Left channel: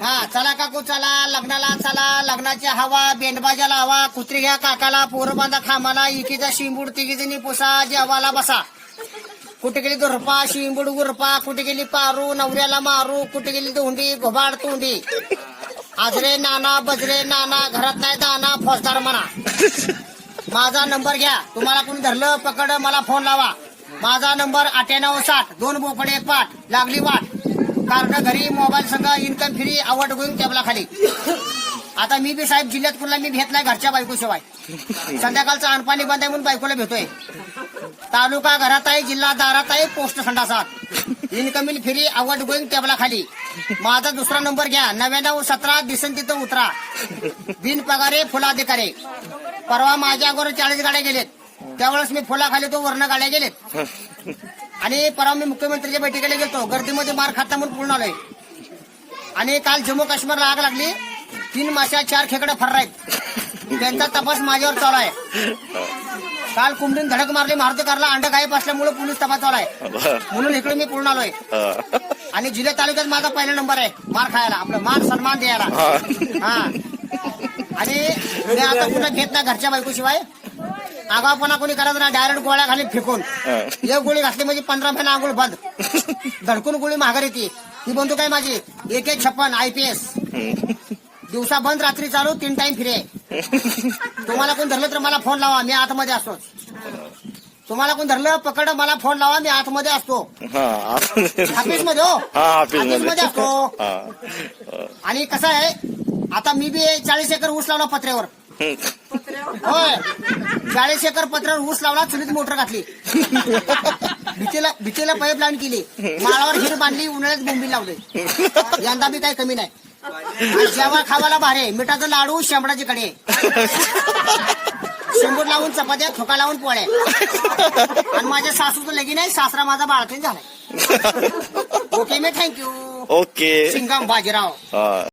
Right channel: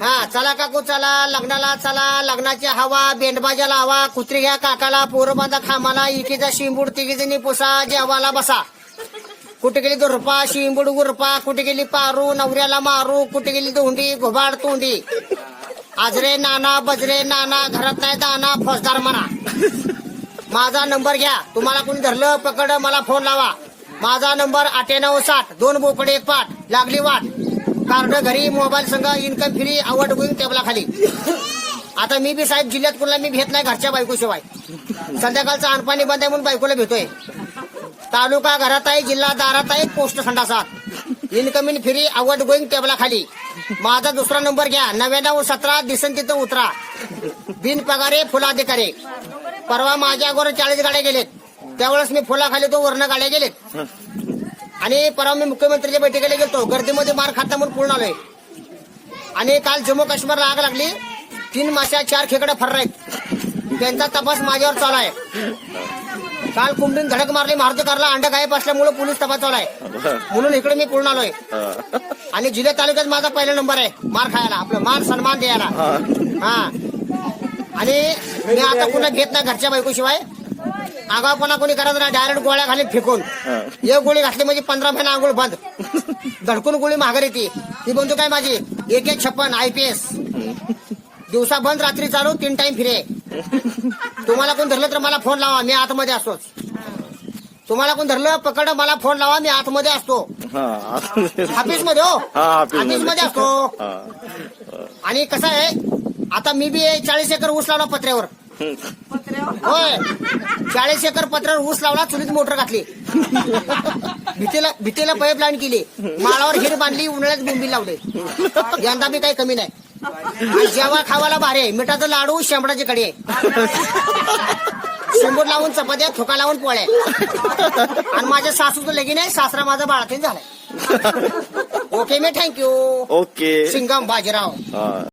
हा चला काकू चला लग्नाला चला, लग्नाची हवा, बेंडबाजा लावा, कुत्री घ्या काकाला, पोरं बांधा खामाला, इकीचा शिंबूड तिघीजणी पुसा, जेवाला बसा. कुठे गेली तो रुपा, शिंबूड गुरपा, कुठे गेली पारू, नवऱ्याला मारू, कुठे गेली धोंडी, घोबाड तोंडी. आजरे नाना बजरे नाना, घरात नाही दाना, फौजदार म्हणा. माझा नंबर घ्या, तुम्हाला कोणी धरलं पकड मला फोन लावा. माझा नंबर 9860, 2 बोकडे 1 पाठ, लागली वाट. कार्ड घरी, मोबाईल संघ, इन्कम फ्री, आवड होईल टेबला खाली. आता मी बी साहेब जिल्ह्यात कुणाला मी भेट नाही घरच्या बायकोशिवाय. संध्याकाळचं अनपाणी बंद आहे म्हणून बायकोला भेटोय. तालुका घरात आहे, जिल्हा दारात आहे, पोस्ट संडासात. इन्कमिंग फ्री, आवड गोईंग टेबला खाली. माझा दुसरा नंबर घ्या, 9917, दिसन तिथं उतरा. बिन पगारे फुलाधिकारी. परवा माझ्या अगोदर 40 गाड्या गेलेत, त्यावेळेस मी फुलाखाली तो वर्ण गाड्या गेलेत. आणि परवा मी मुख्यमंत्रीच्या बैठकीला गेलतो, गर्दीमध्ये मार खाता म्हणून पूर्ण आलोय. आणि काल जम्मू काश्मीरला आग लागली, 3 माश्या 4 खेकडे फर्र आहेत, त्यांचा तपास माझ्यावर चालू आहे. काल कुंभीन धडक मारली मारुतीकारला, अंड गायब असल्यामुळे पोलीस तपास चालू आहे, म्हणून इकडे मी पूर्ण आलोय. आणि जिल्हा तालुक्यात माझा पहिला नंबर आहे मार खायला, आपलं मान सन्मान द्यायला. हा आणि मी आता पुन्हा घेत नाही घरच्या बायकोशिवाय. आगावपणा कोणी करायचं ना, डायरेक्ट गोळ्या खाली फेकून. एक गोळी घातली म्हणजे 15 महिने आंघोळ बंद. धडकून गोळी माघार येते. ती बंदूक आहे माझी, 156 IPS. दिवसा बंद, रात्री चालू, 3 टाइम फिरे. तुम्हाला कोण धरलं तर मला फोन लावा, मी आतमध्ये असतो. तुम्हाला कोण धरलं पकड मला फोन लावा, मी आतमध्ये असतो. ऑफिसमध्ये हो, ऑफिसमध्ये असतो. आणि कसं आहे, आता मी बी 40 एकर ऊस लावला पत्र्यावर. होय, 40 एकर पत्र्यावर ऊस लावला, चुलीत मोटर घातली, भीतीला पाईप लाईन केली, माळावर हिर बांधली, उन्हाळ्यात बोंबील लावले. यंदा बी काही कमी नाही. जेव्हा खावाला भारे, मिठाचं लाडू, शेंबडाची कडी, शेंबूड लावून चपात्या, ठोका लावून पोळ्या. आणि माझ्या सासूचं लगीन आहे, सासरा माझा बाळातीन झालाय. ओके मी थँक्यू. ओके सिंगम बाजीराव.